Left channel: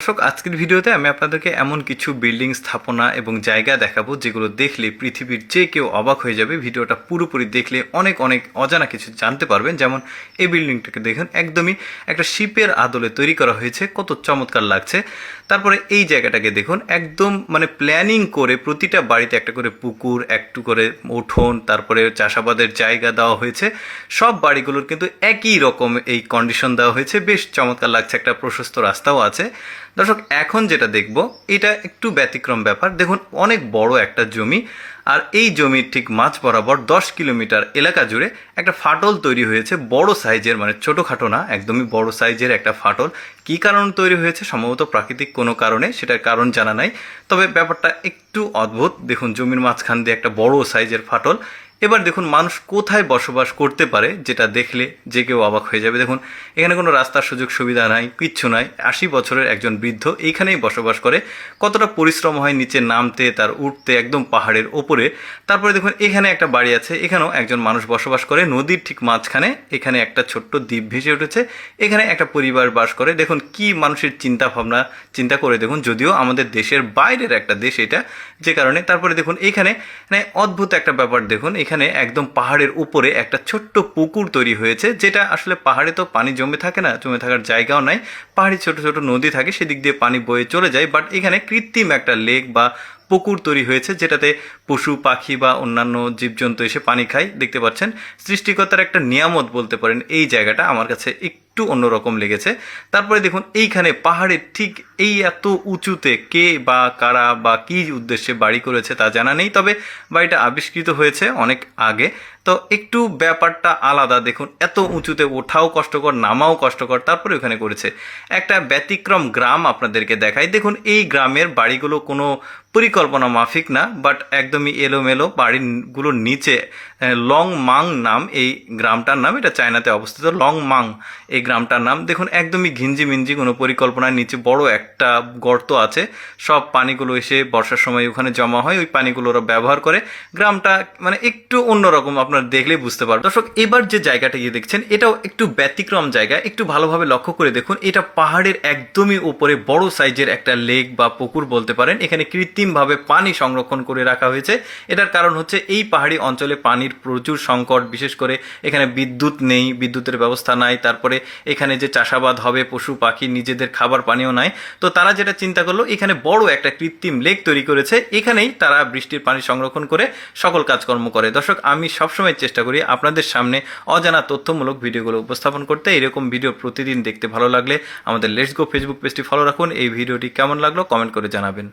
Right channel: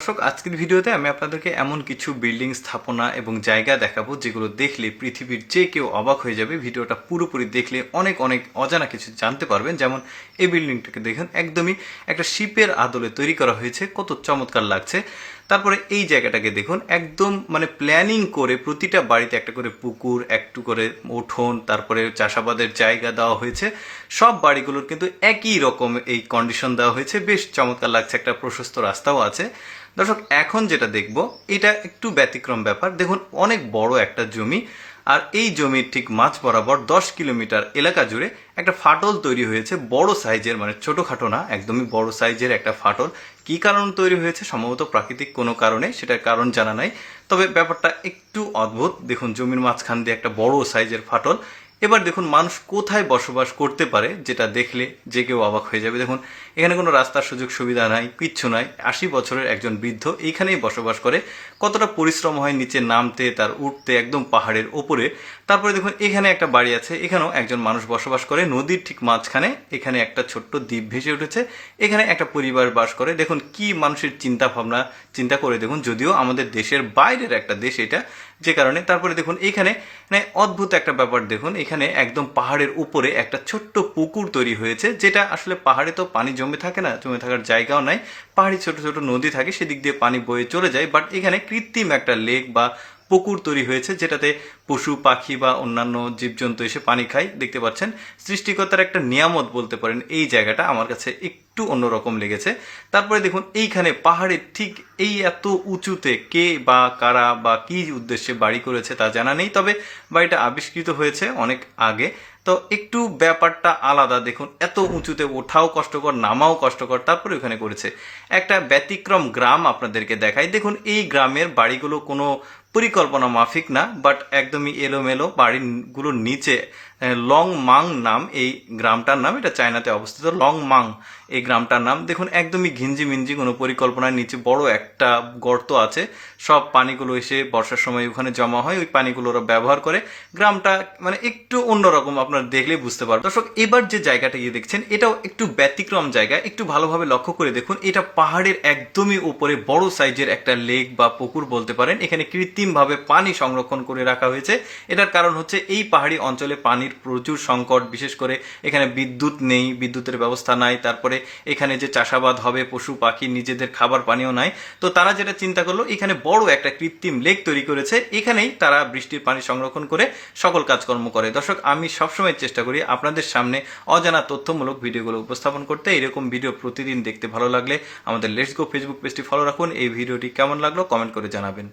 দর্শক, আজকের ভিডিওতে আমি আপনাদেরকে এমন কিছু বিল্ডিং স্থাপনা এবং জায়গা দেখাবো যেগুলো দেখলে পৃথিবীর যে কেউ অবাক হয়ে যাবে। ভিডিওটা পুরোপুরি দেখলে অনেক অনেক অজানা কিছু জানতে পারবেন। যেমন এই বিল্ডিংটাকে দেখেন, একদমই একটা শিপের আদলে তৈরি করা হয়েছে। কত চমৎকার লাগছে। তারপরে এই জায়গাটাকে দেখুন, একদম মানে প্ল্যানিং করে প্রতিটা বাড়িতে একটা করে পুকুর, একটু করে উঠোন, তারপরে চাষাবাদের জায়গা দেওয়া হয়েছে। সব বাড়িগুলোর কিন্তু একই রকম এই কন্ডিশন দেওয়া হয়েছে। বেশ চমৎকার লাগছে, একটা প্রশস্ত রাস্তাও আছে। দর্শক, এখন যেটা দেখব, এটা একটু ব্যতিক্রম ব্যাপার। দেখুন, অনেক বড় একটা জমি। আর এই জমির ঠিক মাছ বরাবর দশ কিলোমিটার এলাকা জুড়ে একটা ফাটল তৈরি হয়েছে, বড় সাইজের মানে ছোটোখাটো না, একদমই বড় সাইজের একটা ফাটল। কি কারণ তৈরি হয়েছে? সম্ভবত প্রাকৃতিক কোনো কারণে, সেটার কারণ জানা নাই। তবে ব্যাপারটা একটু অদ্ভুত। দেখুন, জমির মাঝখান দিয়ে একটা বড় সাইজের ফাটল। এবার দেখুন মানুষ কোথায় বসবাস করতে পারে যেটা দেখলে যে কেউ অবাক হয়ে যাবে। দেখুন, এখানে কোনো রাস্তার সুযোগ সুবিধা নাই, কিচ্ছু নাই। আশি বছরের একজন বৃদ্ধ এইখানেই বসবাস করে। কতটা পরিশ্রম হয় নিচে নামতে, তার উঠতে একদম পাহাড়ের ওপরে। তারপরে দেখুন, এখানে একটা বাড়ি আছে, এখানেও একজন মানুষ বসবাস করে। নদীর ঠিক মাঝখানে এখানে একটা ছোট্ট দ্বীপ ভেসে উঠেছে। এখানে একটা পরিবার বাস করে। দেখুন, কি মানুষের চিন্তা ভাবনা চিন্তা করে দেখুন, যদিও আমাদের দেশের বাইরের একটা দেশ এটা যে কারণে তারপরে দেখুন এখানে মানে অদ্ভুত একটা ব্যাপার দেখুন, এখানে একদম পাহাড়ের উপরে একটা ছোট্ট পুকুর তৈরি হয়েছে, যেটা আসলে পাহাড়ে তো পানি জমে থাকে না, জমে থাকার জায়গাও নাই, পাহাড়ে ছোট ছোট নদী থাকে, সেদিক দিয়ে পানি বয়ে চলে যায় বাট এখানে কৃত্রিম একটা লেক বা পুকুর তৈরি হয়েছে, যেটাতে পশু, পাখি বা অন্যান্য জীবজন্তু এসে পানি খায়। দেখতে পাচ্ছেন, সৃষ্টিকর্তার একটা নিয়ামত বলতে পারেন, এই জায়গাটা আমার কাছে একটু অন্যরকম লেগেছে। তারপরে দেখুন, এইখানে পাহাড়ের ঠিক এই এত উঁচুতে কে বা কারা বা কি উদ্দেশ্যে বাড়ি করেছে তা জানা নেই, তবে বাড়িটা আবিষ্কৃত হয়েছে অনেক আগে। তো একটু ব্যাপারটা আলাদা, দেখুন, এত উঁচুতে ওঠাও কষ্টকর, নামাও কষ্টকর, তারপরে ওখানে করেছে। একটা ব্যতিক্রম গ্রাম আপনাদেরকে দেখাই। দেখুন, এই গ্রামের বাড়িগুলো কোনো পরিকল্পনা মাফিক না বাট একদমই এলোমেলো বাড়িগুলোর নিচে লং মাং নাম এই গ্রামটার নাম, এটা চায়নাতে অবস্থিত লং মাং এই গ্রামটার নাম। দেখুন, একদমই ঘিঞ্জি মিঞ্জি কোনো পরিকল্পনার নিচে বড় একটা গর্ত আছে। সব পানিগুলো এসে বর্ষার সময় ওখানে জমা হয়, ওই পানিগুলো ওরা ব্যবহার করে। গ্রামটা মানে একটু অন্যরকম আপনারা দেখলেই বুঝতে পারবেন। দর্শক, এবার যে জায়গাটা গিয়ে দেখছেন, এটাও একটু ব্যতিক্রম জায়গা। একটু ভালোভাবে লক্ষ্য করে দেখুন, এটা পাহাড়ের একদমই উপরে, বড় সাইজের একটা লেক বা পুকুর বলতে পারেন। এখানে কৃত্রিমভাবে পানি সংরক্ষণ করে রাখা হয়েছে। এটার কারণ হচ্ছে এই পাহাড়ি অঞ্চলে পানির প্রচুর সংকট, বিশেষ করে এখানে বিদ্যুৎ নেই, বিদ্যুতের ব্যবস্থা নাই, তারপরে এখানে যে চাষাবাদ হবে, পশু, পাখি, নিজেদের খাবার পানিও নাই। তো তারা যেটা চিন্তা করল, এখানে বড় একটা কৃত্রিম লেক তৈরি করেছে। এখানেই তারা বৃষ্টির পানি সংরক্ষণ করে সকল কাজকর্ম করে। দর্শক, আমি সবসময় চেষ্টা করি আপনাদের সামনে অজানা তথ্যমূলক ভিডিওগুলো উপস্থাপন করতে। এরকম ভিডিও প্রতিদিন দেখতে ভালো লাগলে আমাদের লেটস গো ফেসবুক পেজটি ফলো রাখুন। এই ভিডিওটি কেমন লাগল কমেন্ট করে জানাবেন।